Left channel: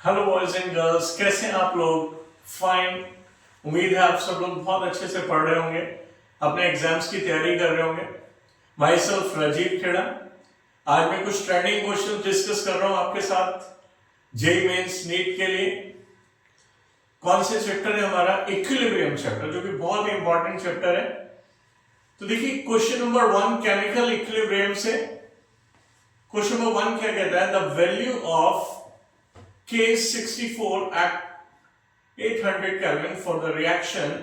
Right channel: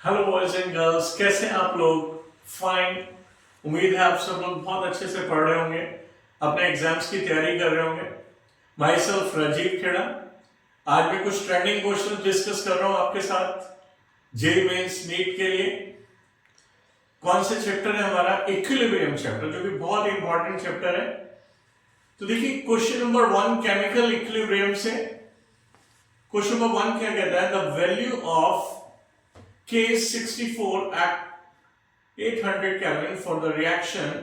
Hello boys and girls, कैसे हैं आप लोग? फाइन। उम्मीद है आप सब लोग बहुत अच्छे से पढ़ रहे होंगे, अपने एग्जाम्स की तैयारी कर रहे होंगे। Myself Rajiv Khera. आज मैं कुछ ट्रेंडिंग क्वेश्चन डिस्कस कर रहा हूं आपके साथ जेईई मेंस नीट के लिए। कौन से चैप्टर है? हमारा इक्विलिब्रियम चैप्टर, जो कि बहुत इंपॉर्टेंट चैप्टर है। तो देखिए क्वेश्चन नंबर 1 केमिकल इक्विलिब्रियम से। क्वेश्चन नंबर 1 क्या कहता है? The value of K64 at 800 Kelvin for the reaction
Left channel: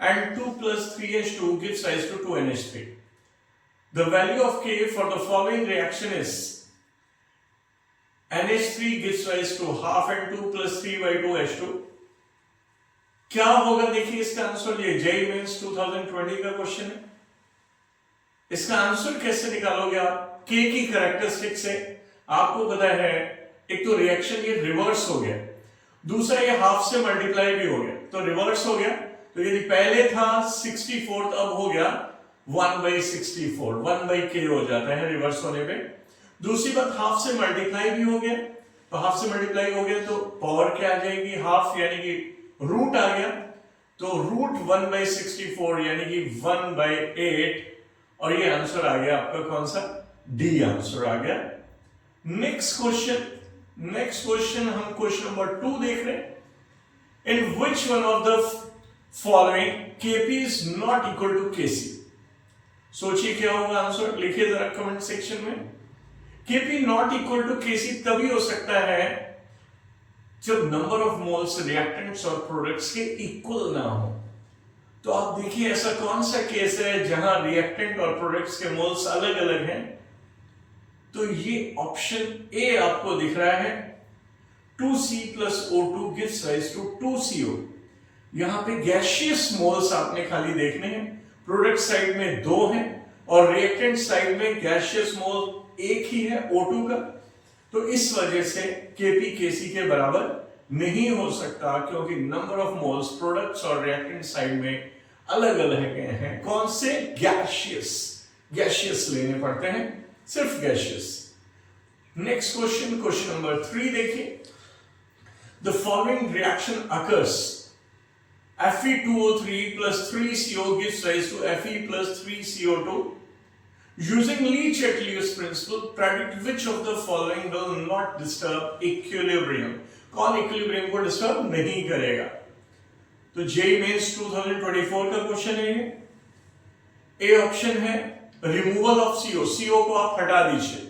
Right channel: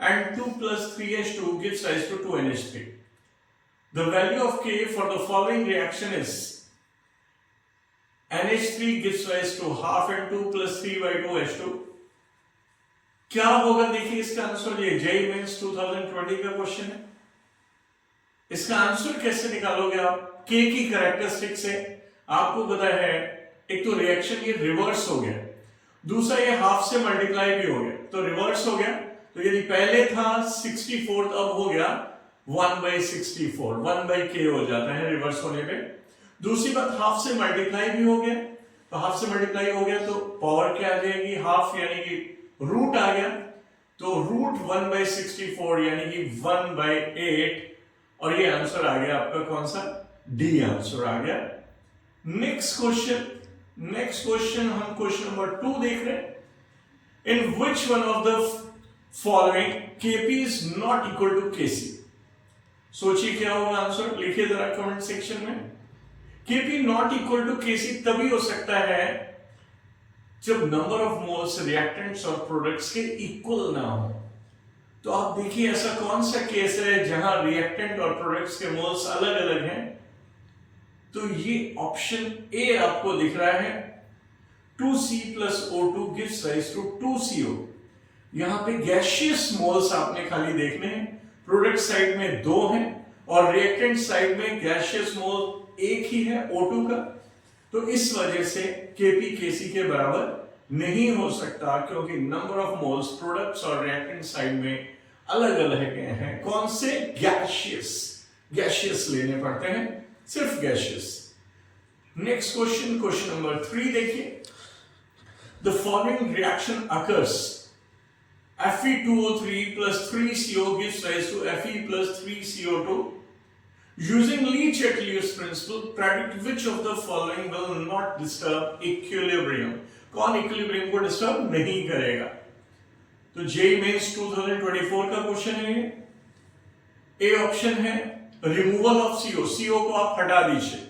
and 2 plus 3H2 gives rise to 2NH3. The value of K for the following reaction is NH3 gives rise to half and 2 plus 3 by 2H2. क्या होगा? देखिए इसका answer, ये JEE mains 2020 का question है। इसका answer कैसे निकालोगे आप? K की कैरेक्टरिस्टिक से आपको पता है, एक तो रिएक्शन ये रिवर्स हो गया, दूसरा ये हाफ से मल्टीप्लाई भी हो गया, तो रिवर्स हो गया। तो यदि पहले था 64, अब हो गया 1/64, 1/k हो जाता है रिवर्स होने पे। दूसरी बात, हाफ से मल्टीप्लाई भी हो गया, तो हाफ से मल्टीप्लाई हो गया तो पावर क्या आ जाएगी? हाफ, यानी कि रूट आ गया, तो रूट 1/64 यानी कि 1/8, और ये आंसर आ गया आपका कौन सा? डी आंसर आ गया। नेक्स्ट क्वेश्चन हम क्वेश्चन नंबर 2 देख रहे हैं। In which one of the following Kp is not equal to Kc? सोचिए क्या होगा आंसर, लिखिए जरा कमेंट सेक्शन में। Kp not equal to Kc तभी हो सकता है जब नंबर ऑफ मोल्स रिएक्टेंट्स और प्रोडक्ट्स के इक्वल ना हो। तो आप देखिए ऐसा कौन सा केस है जहां रिएक्टेंट और प्रोडक्ट्स के मोल्स अलग अलग हैं? तो ये ऑप्शन ए आपको दिख रहा है, 2C plus O2 gives rise to 2CO। यहां पे गैसियस मोल्स आपने खाली देखने हैं, प्रोडक्ट साइड में 2 हैं और रिएक्टेंट साइड में गैसियस मोल एक ही है, O2 का। तो इस वजह से Kp Kc के बराबर नहीं हो सकता, क्योंकि नंबर ऑफ मोल्स प्रोडक्ट्स और रिएक्टेंट साइड में अलग अलग हैं। कौन से? गैसियस लेने पड़ते हैं, सिर्फ गैसियस। नेक्स्ट क्वेश्चन नंबर 3 देखिए। The following reaction occurs, Fe2O3 plus 3CO gives rise to Fe plus 3CO2. Using Lee-Chatelius principle, predict which of the following will not disturb equilibrium। कौन इक्विलिब्रियम को disturb नहीं करेगा? तो JEE mains 2024 का question है ये। A option है removal of CO को आप हटा दीजिए।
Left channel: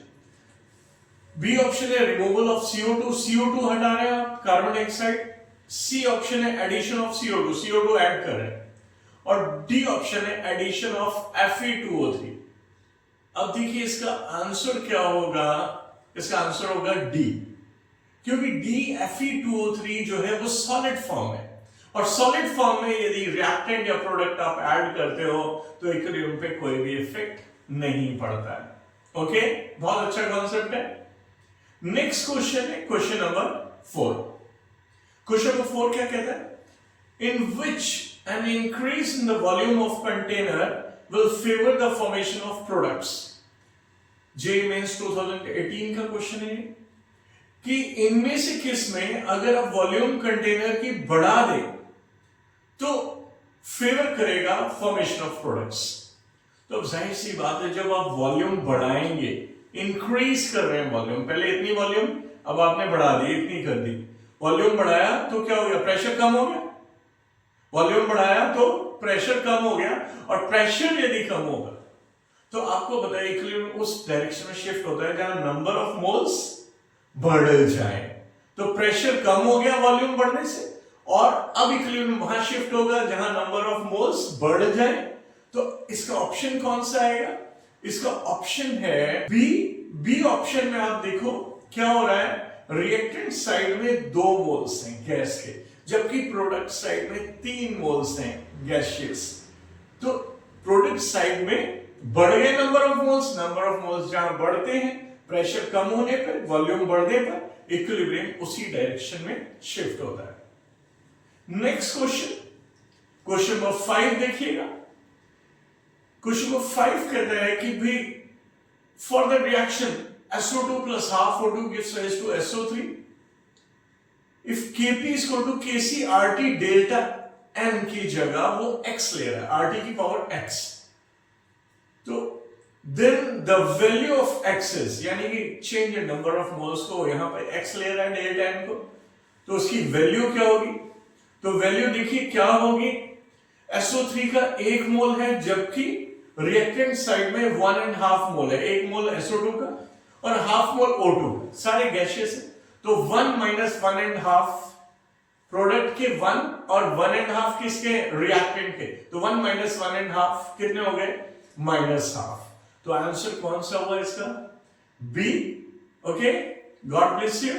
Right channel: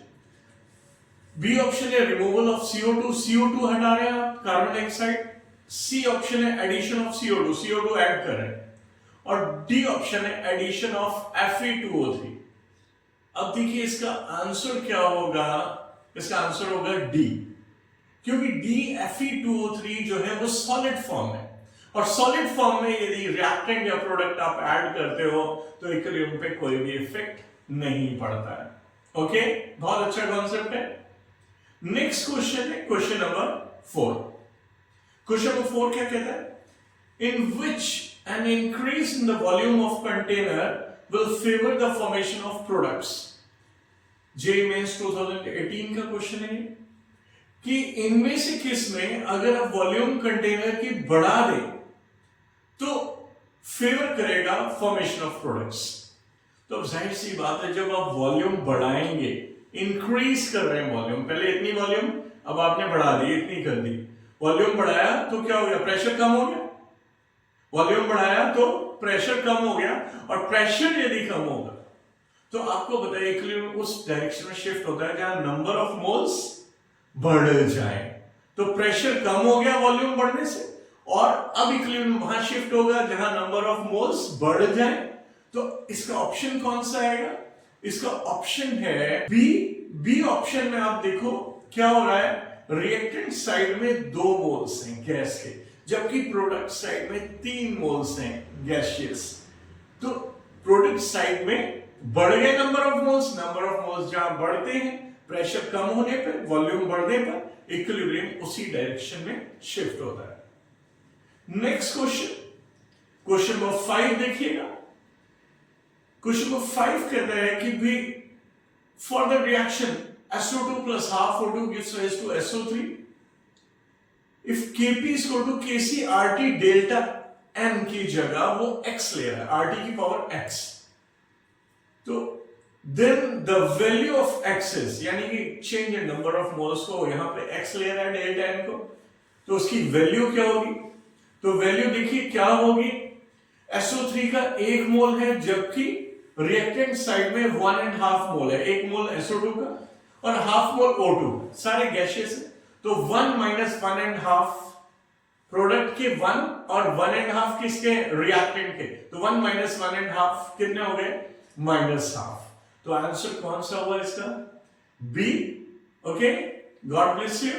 बी ऑप्शन है रिमूवल ऑफ CO2 हटा रहे हैं आप, कार्बन डाइऑक्साइड। सी ऑप्शन है एडिशन ऑफ CO2 ऐड कर रहे हैं, और डी ऑप्शन है एडिशन ऑफ Fe2O3। अब देखिए इसका आंसर क्या होगा? इसका आंसर होगा डी, क्योंकि डी Fe2O3 जो है वो सॉलिड फॉर्म है, और सॉलिड फॉर्म में यदि रिएक्टेंट या प्रोडक्ट आप ऐड करते हो तो इक्विलिब्रियम पे कोई भी इफेक्ट नहीं पड़ता है। ओके, बहुत अच्छा कॉन्सेप्ट है। नेक्स्ट क्वेश्चन है क्वेश्चन नंबर 4। क्वेश्चन नंबर 4 क्या कहता है? In which an increase in the volume of container will favour the formation of products. JEE Mains 2018 का क्वेश्चन है कि इनमें से किस में अगर आप वॉल्यूम कंटेनर की बढ़ा दे तो फेवर करेगा फॉर्मेशन ऑफ प्रोडक्ट्स। तो अब जाहिर सी बात है, जब आप वॉल्यूम बढ़ाएंगे, इंक्रीज कर रहे हैं वॉल्यूम, पहले इतनी वॉल्यूम, अब आपने बढ़ा दी, इतनी कर दी, वॉल्यूम बढ़ाया तो क्या हो गया? प्रेशर कम हो गया। वॉल्यूम बढ़ाया तो प्रेशर कम हो गया, और प्रेशर यदि कम होगा तो आपको पता है इक्विलिब्रियम उस डायरेक्शन में शिफ्ट होता है जहां नंबर ऑफ मोल्स बढ़ जाए। तो प्रेशर कम हो गया वॉल्यूम बढ़ने से, और अब इक्विलिब्रियम वहां शिफ्ट होगा जहां नंबर ऑफ मोल्स बढ़ जाए। तो इसका ऑप्शन कौन सा आएगा? इसका ऑप्शन है बी ऑप्शन में आप देखो क्या हो रहा है, रिएक्टेंट साइड में 2 मोल्स हैं गैस के, जबकि प्रोडक्ट साइड में 3 मोल्स हैं गैसियस। तो प्रोडक्ट साइड में बढ़ गए नंबर ऑफ मोल्स जहां बढ़ते हैं प्रेशर कम होने पर, वॉल्यूम बढ़ने पर इक्विलिब्रियम उसी डायरेक्शन में शिफ्ट होता है। नेक्स्ट क्वेश्चन नंबर 5 देखिएगा। क्वेश्चन नंबर 5 कहता है कि भी for the reaction SO2 plus half O2 gives rise to SO3। If Kp is equal to Kc RT delta M की जगह वो x ले रहा है, RT की पावर x, तो then the value of x यानी कि change in number of moles को यहां पे x ले रहा है डेल्टा M को, तो उसकी वैल्यू क्या होगी? तो वैल्यू देखिए क्या होगी, SO3 का 1 मोल है जबकि रिएक्टेंट साइड में 1.5 मोल है, 1 मोल SO2 का और हाफ मोल O2 का, सारे गैसियस है, तो 1 माइनस 1.5 प्रोडक्ट के 1 और 1.5 किसके रिएक्टेंट के, तो 1 माइनस 1.5 कितने हो गए? -1/2। तो आंसर कौन सा हुआ इसका? B. Okay, God bless you.